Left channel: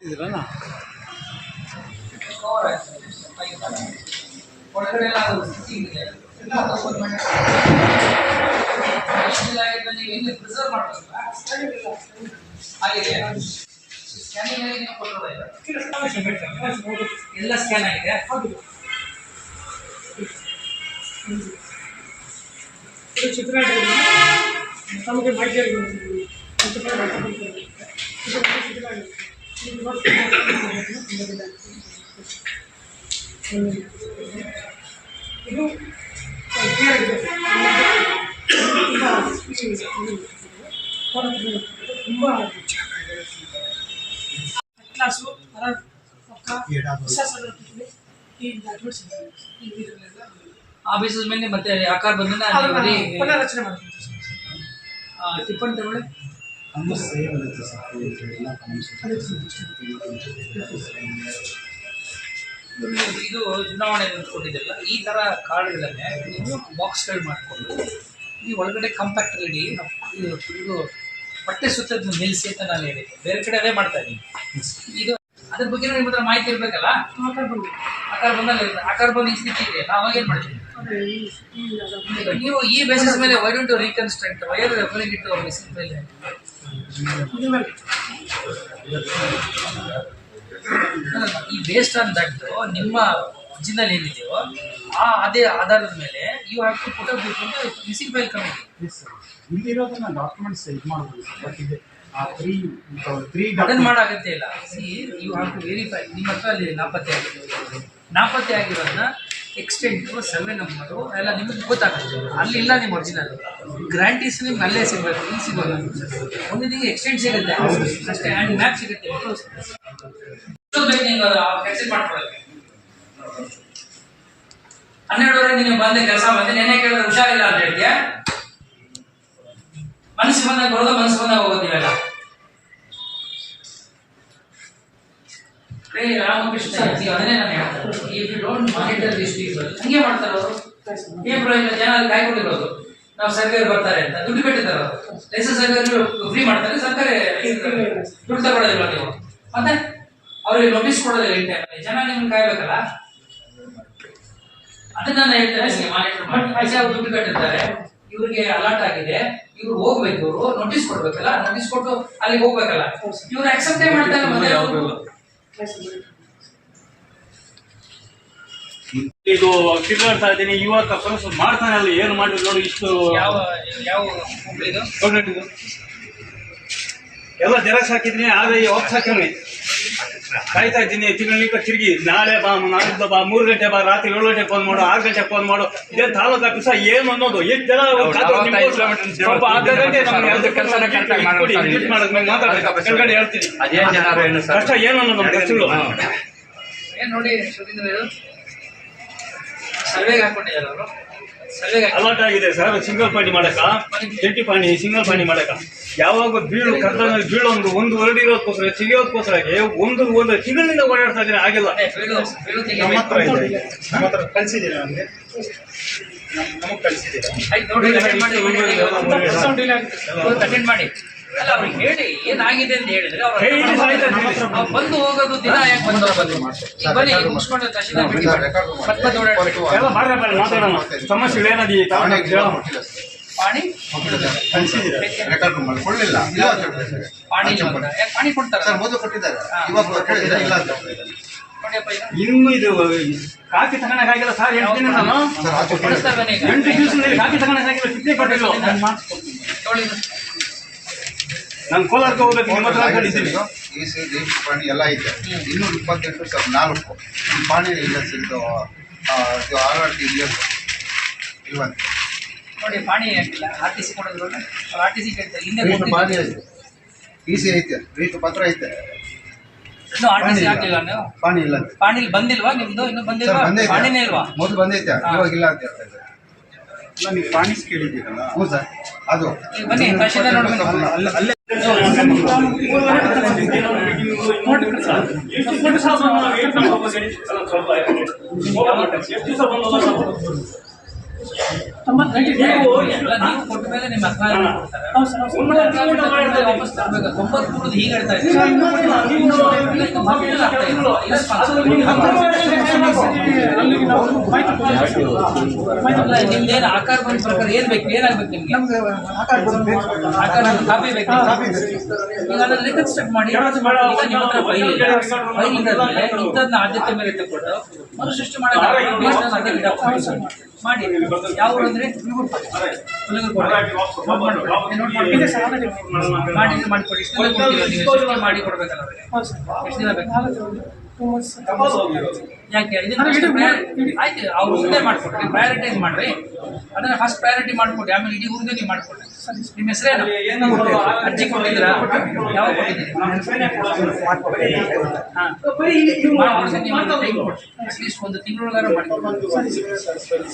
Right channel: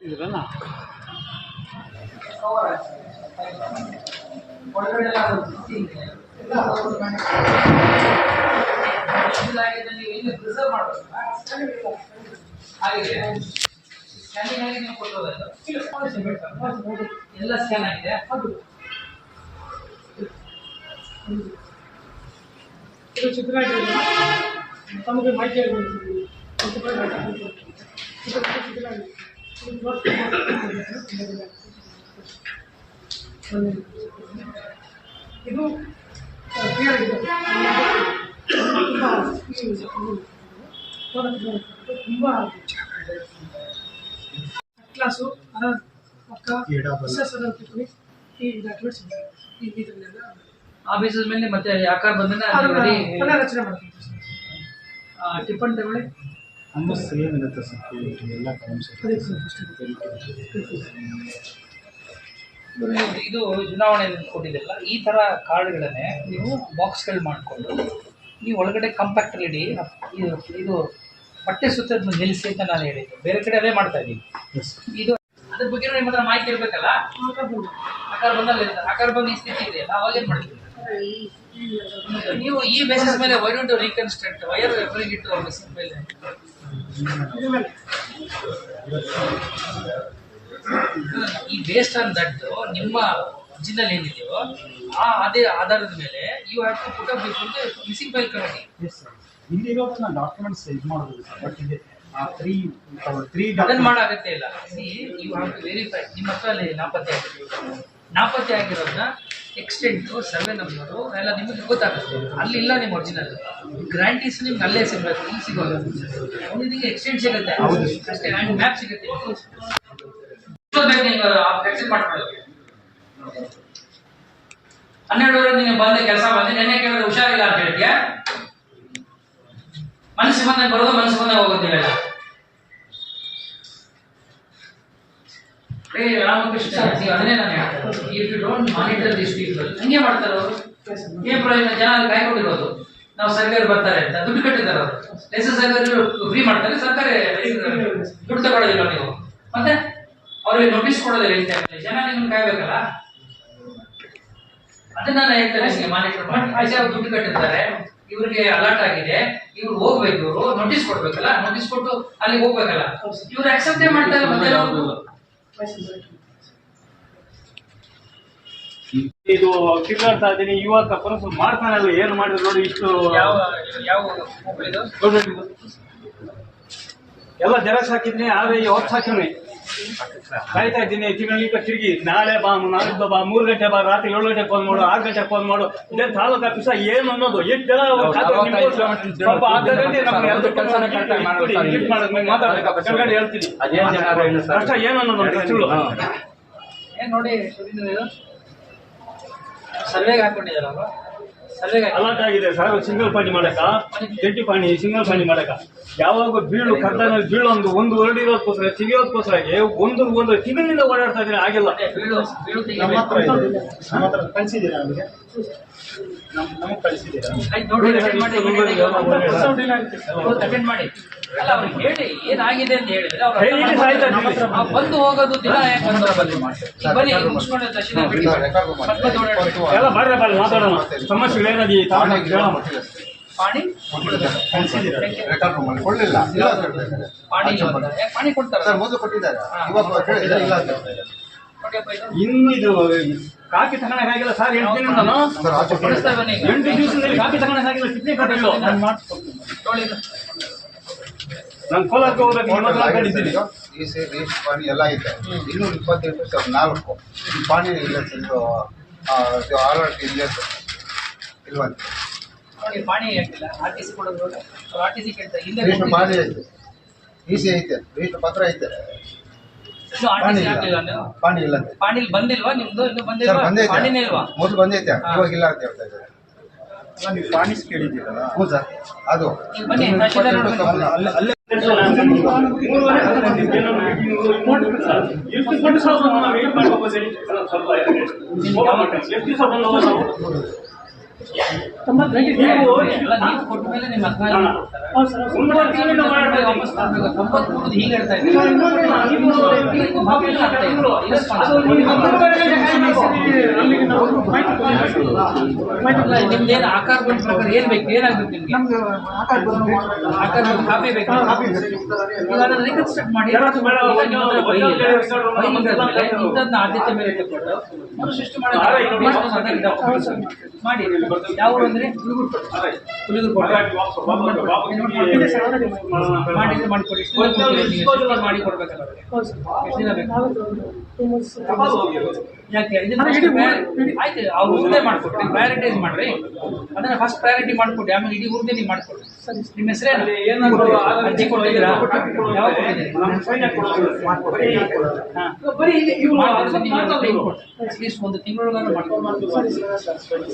ಇದ್ರಲ್ಲ ಕವರ್ ಆಗ್ತಿದೆ ಪೈಪ್ ಒಳಗಡೆ ಎಲ್ಲ ಅದು ಫಿಟ್ಟಿಂಗ್ ಇದೆ ಎಲ್ಲ ಓಪನ್ ಮಾಡಿ ಆಗಿದೆ. ನೀವು ಇಲ್ಲಿ ಪ್ರಿಸರ್ವ್ ಮಾಡಬೇಕು ಆಗಿದೆ ಸ್ಕ್ಯಾನಿಂಗ್ ಆಗಿ ನೀವು? ಎಲ್ಲ ಸ್ಕ್ಯಾನ್ ಆಗಿದೆ? ಇದು ಚಿತ್ರ ತಮಗೆ ಮಾಹಿತಿ ಆಗಿರುತ್ತೆ ಚಿತ್ರ. ಇದು ಇವತ್ತು ತುಂಬ ದಿನ ಆಗಿದೆ. ಒಂದು ಇದು ಕ್ಲಿಯರ್ ಆಗಿದೆ ತುಂಬ ಈ ಇದು product ತುಂಬ ಕ್ಲಾಸು ಅದರ ಪಕ್ಕ ಹೊಸ ಸಲ ಈ ಡಾಕ್ಯುಮೆಂಟ್ಸ್ ಈ ಇದರಲ್ಲೆಲ್ಲ ಆ ಬೇಸಿಸ್ ಮೇಲೆ ಮತ್ತೆ ಆಕಾರ ಬಂದ್ರೆ ಅದನ್ನ ಪುನರ್ರಚನೆ ಮಾಡ್ತೀನಿ ಟಿಪ್ಪನ್ ತಗೊಳ್ಳಿ ಸೇಮ್ ಇರುತ್ತೆ ಸರ್ ಎಲ್ಲ ಇದು ಚುನಾವಣೆ ಕೊಟ್ಟಿದ್ದಿಲ್ಲ ಈ ತರ ಕಾರ್ಡ್ಗಳನ್ನೇ ನೀವು ಬಾಕ್ಸ್ಗಳು ಮಾಡಿಕೊಂಡು ನೀವು ಒಳಗಡೆ ಕಂಪ್ಯಾಕ್ಟರ್ ಇಡಿ ಇದು ಇದು ಬಟ್ಟೆ ಸುತ್ತದ್ದು ನಿಲ್ಲಿಸಿ ಅಂತ ನಾನು ಹೇಳಿದ್ದೆ. ಬೇರೆ ಕಡೆ ಅದೇ ಮಾಡ್ತಾ ಇದ್ದೀನಿ ಇದು ಅದ್ರ ಬಗ್ಗೆ ನಿಮ್ಮ ಹತ್ರ ಮಾಹಿತಿ ಇರಬೇಕಲ್ಲ? ಆಕಾರ ಬಂದು. ಆಕಾರ ಬಂದಲ್ಲಿ ಇರುತ್ತೆ. ಆಕಾರ ಬಂದು ಈ ಸ್ಥಿತಿ ಇದೆ. ನಾವು ಏನು ಮಾಡ್ತೀವಿ? ನೀವು ಈ ಬೇಸಿಸ್ ಮೇಲೆ why to reconstruct where referring ಇಟ್ಟು ಮಿಸಿನ್ ಮೇಲೆ ಈ ಬೇಸ್ಡ್ ಆನ್ ದಟ್ ನಿಮ್ಮ ಒರಿಜಿನಲ್ ಏನಿದೆಯೋ ಆ ಅದೇ ಆಧಾರದ ಮೇಲೆ you have to put up ಅಂತ missing file committee S sir ಇಲ್ಲಿರೋದನ್ನ documents ಇದು ಮಾಡ್ಬೋದು ಸರ್ ಬಟ್ ಇದೆ ಆ ತ್ರೀ ತ್ರೀ ಅದನ್ನು ಮಾಡಾಗತ್ತೆ ಇಲ್ಲ. See you have to verify ನಿಮ್ಮ ಹತ್ರ ಅಲ್ಲಿ ನಾಪತ್ತೆ ಆಗಿದೆ. ನಾಪತ್ತೆ ಆಗಿರೋದನ್ನ ಎಕ್ಸ್ಟೆಂಟು ಸರ್ವೆ ನಂಬರು ಎಲ್ಲ ನಿಮಗೆ ಗೊತ್ತಾಗುತ್ತೆ. ಅಲ್ಲಿ ಇಲ್ಲ ನಿಮ್ಮ ಒರಿಜಿನಲ್ ಗ್ರಾಂಟೀಸ್ ನಿಮ್ಗೆ ಅಲ್ಲೇ ಸಿಗಬೇಕು ಇಲ್ಲಿ ಸಿಗೋಲ್ಲ. ಒಂದು ನಿಮಗೆ ಎಕ್ಸ್ಟೆಂಟ್ ಸಿಗುತ್ತೆ. ಅಷ್ಟೇ ಆ್ಯಂಡ್ ಮ್ಯಾಪ್ ಸಿಗುತ್ತೆ. ಎಷ್ಟೊತ್ತು ಬೇಕು ನೀವು ಎಕ್ಸೆಪ್ಟ್ ಮಾಡ್ಕೊಳ್ಳೋಕ್ಕೆ. ಹನ್ನೆರಡುವರೆ ನೀನು ಬಂದ ಕೆಲಸ ಮಾಡಿ ನೆನ್ನೆ ಕೇಳಿದ್ರೆ ಹುಷಾರಿಲ್ಲ ಅಂತ ಹೇಳ್ತೀಯಾ? ಮನಸ್ಸು ಬಂದಾಗ ಬರೋದು ಮನಸ್ಸು ಬಂದಾಗ ಹೋಗೋದು ನೀವೆಲ್ಲ. ರಾಮಕೃಷ್ಣ ನೀವು ಅದನ್ನೇ ನಾನು ಹೇಳ್ತಾರೆ if you don't monitor this people ಹಂಗೆ ಮಾಡ್ತಾರೆ ಅವರು. ಏನ್ ಪ್ರಯೋಜನ ಜನ ಅಲ್ಲಿ ಕಾಯ್ಕೊಂಡಿರೋದು ನಾವು ಸರ್ಕಾರ ಬರ್ತಾರೆ ಅಂತ ದುಡ್ಡು ಕಟ್ಟಿದ್ದಾರೆ ಅವರು. ಲೈಸೆನ್ಸ್ ಸರ್ಕಾರ ಫ್ರೀ ಮಾಡ್ತಾರೆ ಸರ್ಕಾರ ದುಡ್ಡು ತಗೊಳ್ಳೋದಿಲ್ಲ ನೀವು. ಮತ್ತೆ ಅವ್ರಿಗೆ ನೋಟಿಸ್ ಕೊಡೋದಿಲ್ಲ ಇನ್ ಟೈಮಲ್ಲಿ ಜನ ನಿಮ್ಗೆ ಕಾಯ್ಬೇಕಲ್ಲ ಅದನ್ನ ನಾನು ಹೇಳ್ತೇನೆ ನಿಮಗೆ ಮಾನಿಟರ್ ಮಾಡಿ. ಆಚೆ ಅವ್ರು ದುಡ್ಡು ಕಟ್ಟಿದ್ದಾರೆ. ಇವ್ರಿಗೆ ಅಲರ್ಟ್ ಆಗಿದೆ. ಇವ್ರು ಹೋಗ್ಬೇಕು ಇವರು ನೋಟಿಸ್ ಕೊಡ್ಬೇಕಲ್ಲ? ನೋಟಿಸ್ ಕೊಟ್ಟು ಅಲ್ಲಿಗೆ ಹೋಗ್ಬೇಕಲ್ಲ? ಇವ್ರು ಅಕ್ಸೆಪ್ಟೇ ಮಾಡ್ತಾರೆ ಮತ್ತೆ? ಇದು ತಿರ್ಗಾಡ್ತಾ ಇದ್ದೀನಿ. ಯುವಕ ಕನಸು ಮಾಡ್ತಾನಲ್ಲ ಏನು ಮಾಡಿದ್ರು ನೋಡಿ ಇಷ್ಟು ಯಾವ ಯಾವ ಮೊಬೈಲ್ ಎಲ್ಲ ಜೆರಾಕ್ಸ್ ಹಾಕಿದ್ದೀನಿ ಆದ್ರೆ ಹೊತ್ತು ಹಾಕಿವ್ರಿ ಕಾಯ್ತಾ ಇದ್ದೀನಿ ತಿಂಗಳಿಗೆ ತಿರುಗಿ ನಾಳೆ ಬಾ ನಾಳಿದ್ದು ಬಾ ಮೂರು ಗಂಟೆ ಬಾ ರಾತ್ರಿ ಏಳು ಗಂಟೆಗೆ ಫೋನ್ ಮಾಡು ಆರು ಗಂಟೆಗೆ ಫೋನ್ ಮಾಡು. ಇದೇ ತಾಲೂಕು ಆಫೀಸ ಏನು ಅನ್ನೋದು ಎಷ್ಟು ಜನ ಸ್ವಲ್ಪ ಅರ್ಧ ಗಂಟೆ ನಮ್ಗೆ ಎರಡು ಕೆಲಸ ಹೇಳ್ತೀನಿ. ಅದೇನ್ ಜನರು ಏನು ಕಷ್ಟ ಏನು ಅನ್ನೋದು ನೋಡಿ ಸರ್ವೆಗೆ ಹಾಕೊಂಡಿದ್ದಾರೆ ಅವರು ಅಲರ್ಟ್ ಆಗಿದೆ ಸರ್ ಸಿಂಗಲ್ ಪಾಣಿ ಮಾಡಕ ಜಂಟಿ ಪಾಣಿ ಸಿಂಗಲ್ ಪಾಣಿ ಮಾಡಕ ಯಾವಾಗ ಬೀಳು ಕರ್ತನ ಬೀಳು ಒಂದು ಒಂದು ವರ್ಡ್ ಇರೋದಕ್ಕೋಸ್ಕರ ಸಿಗೋದಕ್ಕೋಸ್ಕರ ಒಂದು ಒಂದು ತಿಂಗಳಿಂದ ಓಡಾಡ್ತಾ ಇದ್ದೀನಿ ಆಗಿಲ್ಲ. ಕಳಿಸಿದ್ದೀರಾ ನಮಗೆ? ನಮಗೆ ಕಳಿಸಿದ್ದೀರಾ? ಮಾಡಿ. ಅಲ್ಲ ಅವ್ರಿಗೆ ಹೇಳಿ ಏನಾಗಿದೆ ಅಂತ ಹೇಳಿದ್ರೆ ಅವ್ರು ಬಂದು ಹೋಗೋದು ದಿನ ಯಾಕೆ ಬಂದು ಹೋಗೋದು? ಬನ್ನಿ ಮುಗಿಸ್ಕೊಂಡು ಬಿಡಿ ಓಡಾಡ್ಬಿಟ್ಟು ಎಲ್ಲ ಮಾತಾಡೋಣ. ಏನದಿ ಪಾಣಿ? ರೆಕಾರ್ಡ್ ಮಾಡಿ. ಕೊಡ್ಲಿಲ್ಲ. ಇಲ್ಲ. ಅಂತ ಹೇಳ್ತಾ ಪಾಣಿ ಇಲ್ಲ ಯಾಕೆ ಪಾಣಿ ಕೊಡ್ತಾರ? ಸರ್ ಮೊದಲು ಕೊಟ್ಟಿದ್ದಾರೆ. ಇವಾಗ ಇಲ್ಲ ಅಂತ ಇನ್ನು ಇದು ಕಾಫಿ ತಗೊಳಕಾಗಿಲ್ಲ ಸರ್ ಎಂಟು ಈಗ. ಎಂಟು ದಿವಸದಲ್ಲಿ ಕಾಫಿ ತಗೊಳಕಾಗಿಲ್ಲ ಟಿಪ್ಪಣಿ ಕೊಟ್ಟಿಲ್ಲ. ನಾನು ಕೋಲಾರಕ್ಕೆ ಹೋಗ್ಬೇಕು ನಿಮ್ಮ ಹತ್ರ ಕಂಡಿದ್ದೀನಿ ಈ ಸಿ ಈ ಪಾಣಿ ಎಲ್ಲ ಐತೆ. ಇನ್ನೂರ ಇಪ್ಪತ್ತೆಂಟು ಸರ್ ನಾಲ್ಕು. ಈ ಪಾಣಿ ಇಲ್ಲ ಸರ್ ಇದು ಆರ್ ಆರ್ ಟಿ ಇಲ್ಲ ಸರ್ ಇಲ್ವಂತೆ ನೋಡಿ ಪಾಣಿ ಹಾಕಿಲ್ಲ. R T C R T C ಕೇಳ್ತಾರೆ. ಹಿಂದೆ ರಿಜಿಸ್ಟರ್ ಪಾಣಿ ಐತೆ. ಈ ಸಿ ಐತೆ. ರಿಜಿಸ್ಟರ್ ಪತ್ರ ಐತೆ. ಇನ್ನು ಆರ್ ಟಿ ಪಾಣಿ ಸಿ ಇಲ್ಲ. ಪಾಣಿ ಪಾಣಿಲ್ ಬಂದಿಲ್ವಾ? ನಿಮ್ದು? ಇನ್ನು ಬಂದಿಲ್ವಾ? ಪಾಣಿನೇ ಇಲ್ವಾ? ಮೊದಲು ಬಂದೈತೆ. ಇವಾಗ ಇಲ್ಲ ಅಂತ ಹೇಳ್ತಾ ಇದ್ದಾರೆ. ಅಲ್ಲ ನೀವು ಪಾಣಿಸ್ ಕೇಳಿದ್ದೀರಲ್ಲ. ಹ್ಞೂ ಸರ್. ಅದು. ಬನ್ನಿ ತಹಶೀಲ್ದಾರ್ ನೋಡಿ ಬನ್ನಿ. ಅಲ್ಲ ಎಷ್ಟು ದಿವಸ ಬಂದು ನೀವು ಕೊಟ್ಟ ಮೇಲೆ ನಿಮ್ಮ ವಾಪಸ್ ತರಬೇಕು ಹೀಗೆ ಹೇಳ್ತಾ ಇದ್ದೀವಿ ನಿಮ್ದೇನು ಆಕಾರ ಬಂದ ಪ್ರಕಾರ ಏನ್ ಬೇಕು ಏನಾಗ್ಬೇಕು ನಿಮ್ಗೆ ಆಕಾರ ಕಾಪಿ ಬೇಕು ಈಗ ಅದನ್ನ ರಿಕನ್ಸ್ಟ್ರಕ್ಟ್ ಮಾಡಿ ಇಂಥದ್ನ ಆದ್ಯತೆ ಮೇಲೆ ತಗೊಂಡು ಮರುಸೃಷ್ಟಿ ಮಾಡೋದು ಅದಕ್ಕೆ ಮಾಡಿ ಯಾವ ಊರು ಅಂದ್ರೆ ಹುಲಿಗುರು ಕೋಟೆ. ನೋಟ್ ಮಾಡಿ ಇದೆ ಸರ್ ಆಲ್ರೆಡಿ ಮಾಡಿದ್ರೆ ಮಾಡಿಕೊಡಿ. ಎಷ್ಟು ದಿನ ಮಾಡಿ ಕೊಡ್ಬೇಕಲ್ಲ ಅವ್ರಿಗೆ? ಹೌದು ಸರ್. ಎಷ್ಟು ದಿನ ಬೇಕು? ಯಾಕೆ ಆಯ್ತು ಅವ್ರು ಮುಂದೆ ಮಾಡ್ಕೊಡ್ರಿ ಪ್ರಯಾರಿಟೈಸ್ ಮಾಡ್ರಿ. ಅದನ್ನ ಫಸ್ಟ್ ಪ್ರಯಾರಿಟಿ ಮಾಡ್ಕೊಡಿ. ಆಮೇಲೆ ಇಡೀ ಊರಿಗೆ ನೀವು ಮಾಡ್ಕೊಡ್ರಿ. ಸರಿ ನಿಮ್ಮ ಹೆಸರೇನು? ಅರ್ಜಿ ಕೊಟ್ಟಿದ್ದೀರಾ? ಯಾವಾಗ ಕೊಟ್ಟಿದ್ದೀರಿ? ಅಟ್ಲೀಸ್ಟ್ ಒಂದು ತಿಂಗಳೊಳಗಾರ ಮಾಡ್ಕೊಡ್ರಿ ಸರಿ ಸರ್.